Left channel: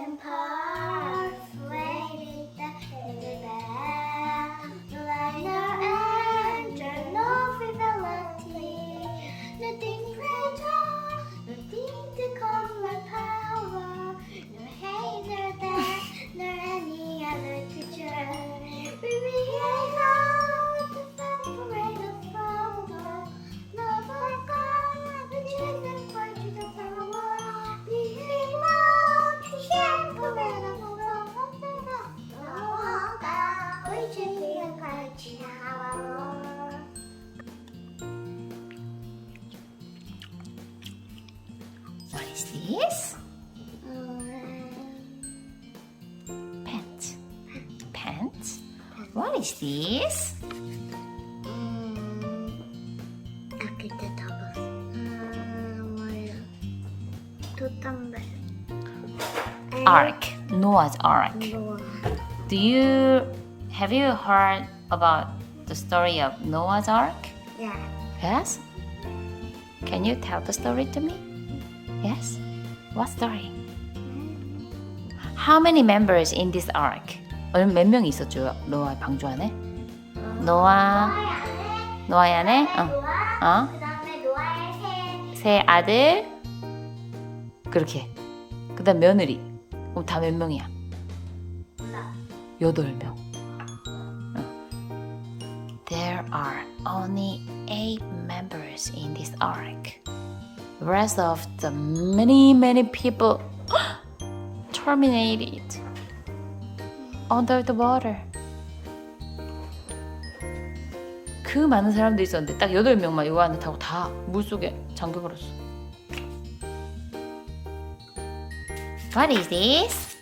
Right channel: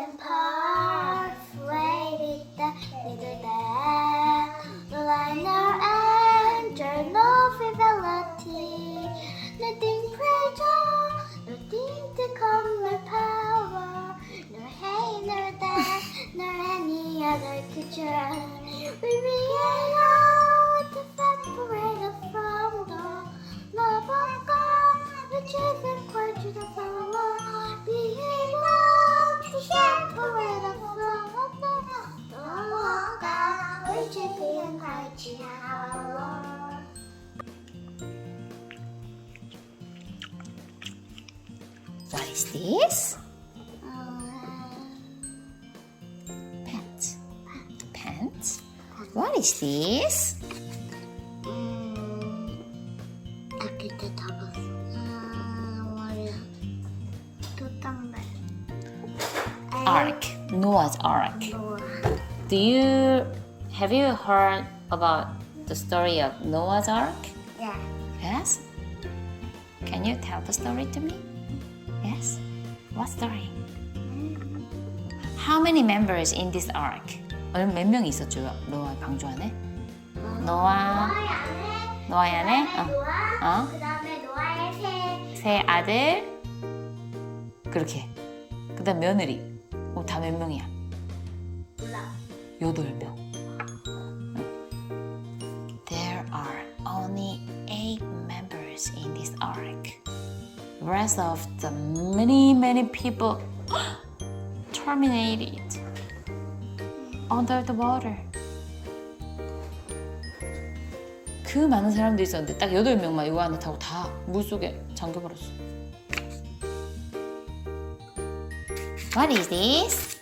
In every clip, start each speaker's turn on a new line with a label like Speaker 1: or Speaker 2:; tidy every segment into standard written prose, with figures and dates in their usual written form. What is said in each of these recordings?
Speaker 1: and persuaded that neither that the liner and journal fidelity, nothing pressure, nothing to come like power, nor hey, nor that, nor any other creature. We create out to separate us from the love of God, which is the virtue of power. Being love to separate us from the love of God, which is the virtue of power.
Speaker 2: What is this? Pants. Pants? What is this?
Speaker 1: 나 그때 다 봤어. 뭐야? 돛담배.
Speaker 2: Ark. Noah's Ark.
Speaker 1: 노아.
Speaker 2: Have you heard about the story of Noah's Ark?
Speaker 1: 야.
Speaker 2: Yes? Can you tell the story to me? Yes? What story? How many members in this ark? 몇 명이 있었죠? 노아 방주 안에? 노아의 안에?
Speaker 1: 노아. 그다음에 노아의
Speaker 2: 세 아들 그렇게 그 다음 며느리 다 몇 명이야?
Speaker 1: 몰라.
Speaker 2: 8명. There are only 8 members in this ark. The rest of the many people terminated under the water. 그 많은 사람들이 있었는데 딱 8명만 요 안에 타고 다 물속에 잠겨버렸어. What is this?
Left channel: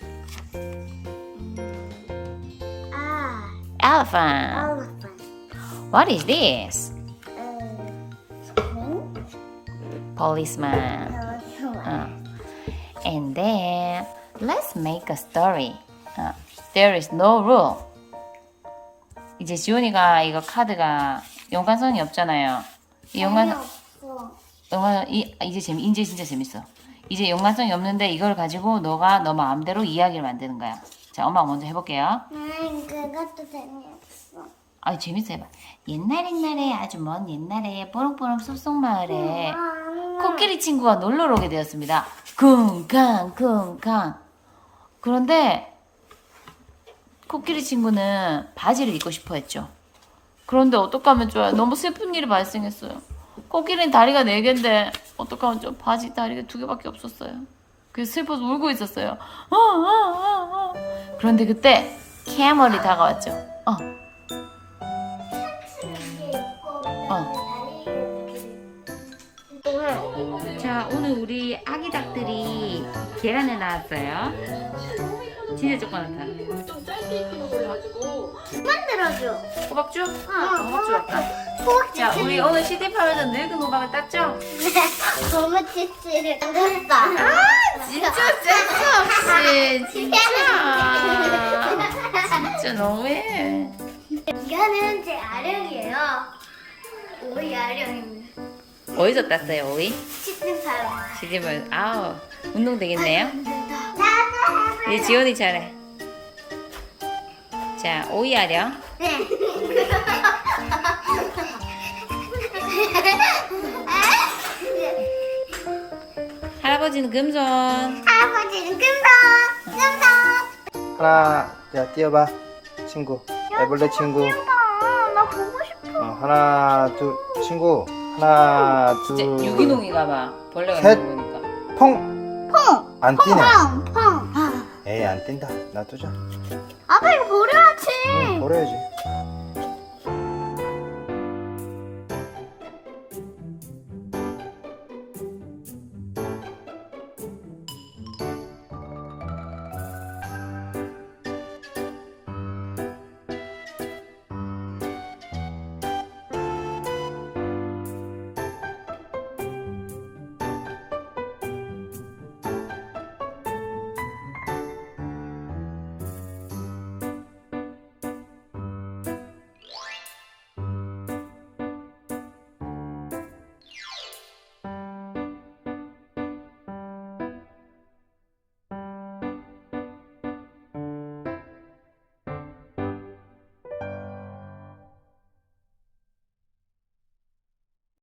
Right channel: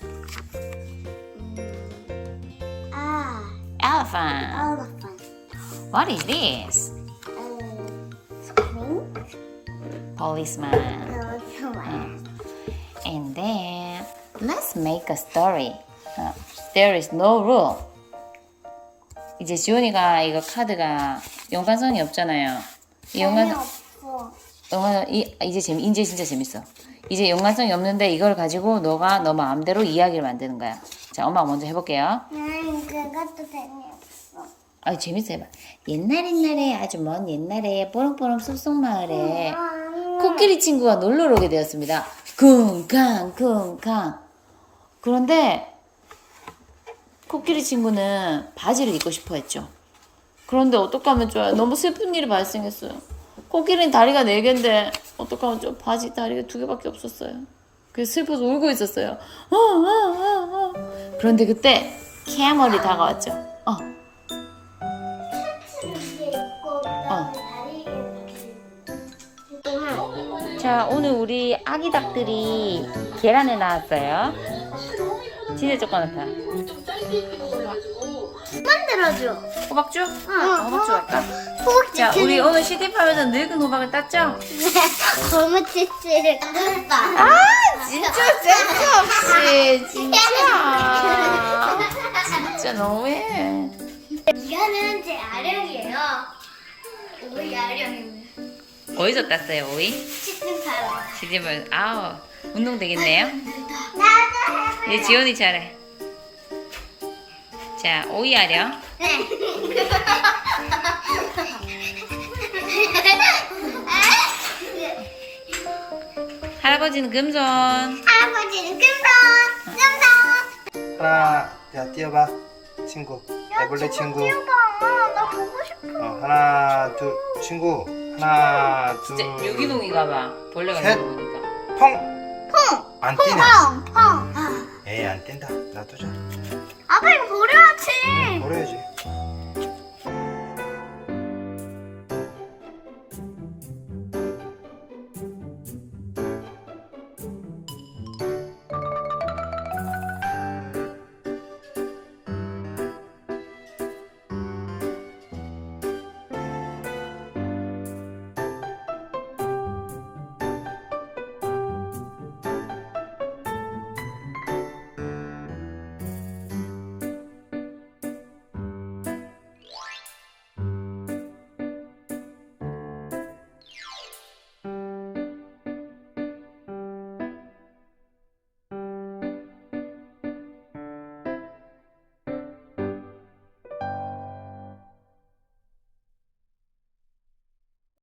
Speaker 2: Elephant.
Speaker 1: elephant.
Speaker 2: What is this?
Speaker 1: spring.
Speaker 2: Policeman.
Speaker 1: elephant.
Speaker 2: And then let's make a story. There is no rule. 이제 지훈이가 이거 카드가 연관성이 없잖아요. 이 연관성
Speaker 1: 없어.
Speaker 2: 이제 이제 진짜 재밌어. 이제 연관성이 없는데 이걸 가지고 너가 너 마음대로 이야기를 만드는 거야. 자, 엄마가 먼저 해볼게요.
Speaker 1: 그것도 재미없어.
Speaker 2: 아유 재밌어 해봐. 옛날에 아주 먼 옛날에 뽀롱뽀롱 숲속 마을에 코끼리 친구가 놀러 오게 되었습니다. 쿵쾅. 그런데 코끼리 친구는 바지를 입고 싶어 했죠. 그런데 어떡하면 좋아요? 너무 슬픈 일이 발생했어요. 코끼리는 다리가 4개인데 어떡하면 좋아? 바지 다리가 2개밖에 없었어요. 그래서 슬퍼서 울고 있었어요. 그런데 그때 캐멀이 다가왔죠. 자, 오늘 우리 아기 닭들이 계란을 낳았어요. 진짜 조그맣다.
Speaker 1: 만들어줘.
Speaker 2: 호박죽?
Speaker 1: 응.
Speaker 2: 호박죽 할까?
Speaker 1: 호박지.
Speaker 2: 자, 우리 오늘 시집하면서 늙은 호박을 땄죠?
Speaker 1: 고무 치치를 뜯었다.
Speaker 2: 아, 진짜 센스 없이. 진짜 너무해.
Speaker 1: 이거는 제 아령이에요. 오이 아령입니다.
Speaker 2: 어디서 땄어요, 오이?
Speaker 1: 치킨파요.
Speaker 2: 시집을, 아우, 운동 되겠네요.
Speaker 1: 나도
Speaker 2: 이제 지원이 차례. 자, 오이 아령.
Speaker 1: 네.
Speaker 2: 할아버지는 금손.
Speaker 1: 할아버지는 금방.
Speaker 3: 하나, 야 뛰어봐 친구 애벌레 친구
Speaker 1: 나 보고 싶어.
Speaker 3: 하나 둘 친구 하나
Speaker 2: 진짜
Speaker 3: 둘
Speaker 2: 유기농인가 봐. 벌레가
Speaker 3: 셋.
Speaker 2: 있는 거 보니까.
Speaker 3: 퐁! 안 뛰네
Speaker 1: 펑.
Speaker 3: 에이 안 뛴다 놔두자
Speaker 1: 아빠 이거 버려야지.
Speaker 3: 응 버려야지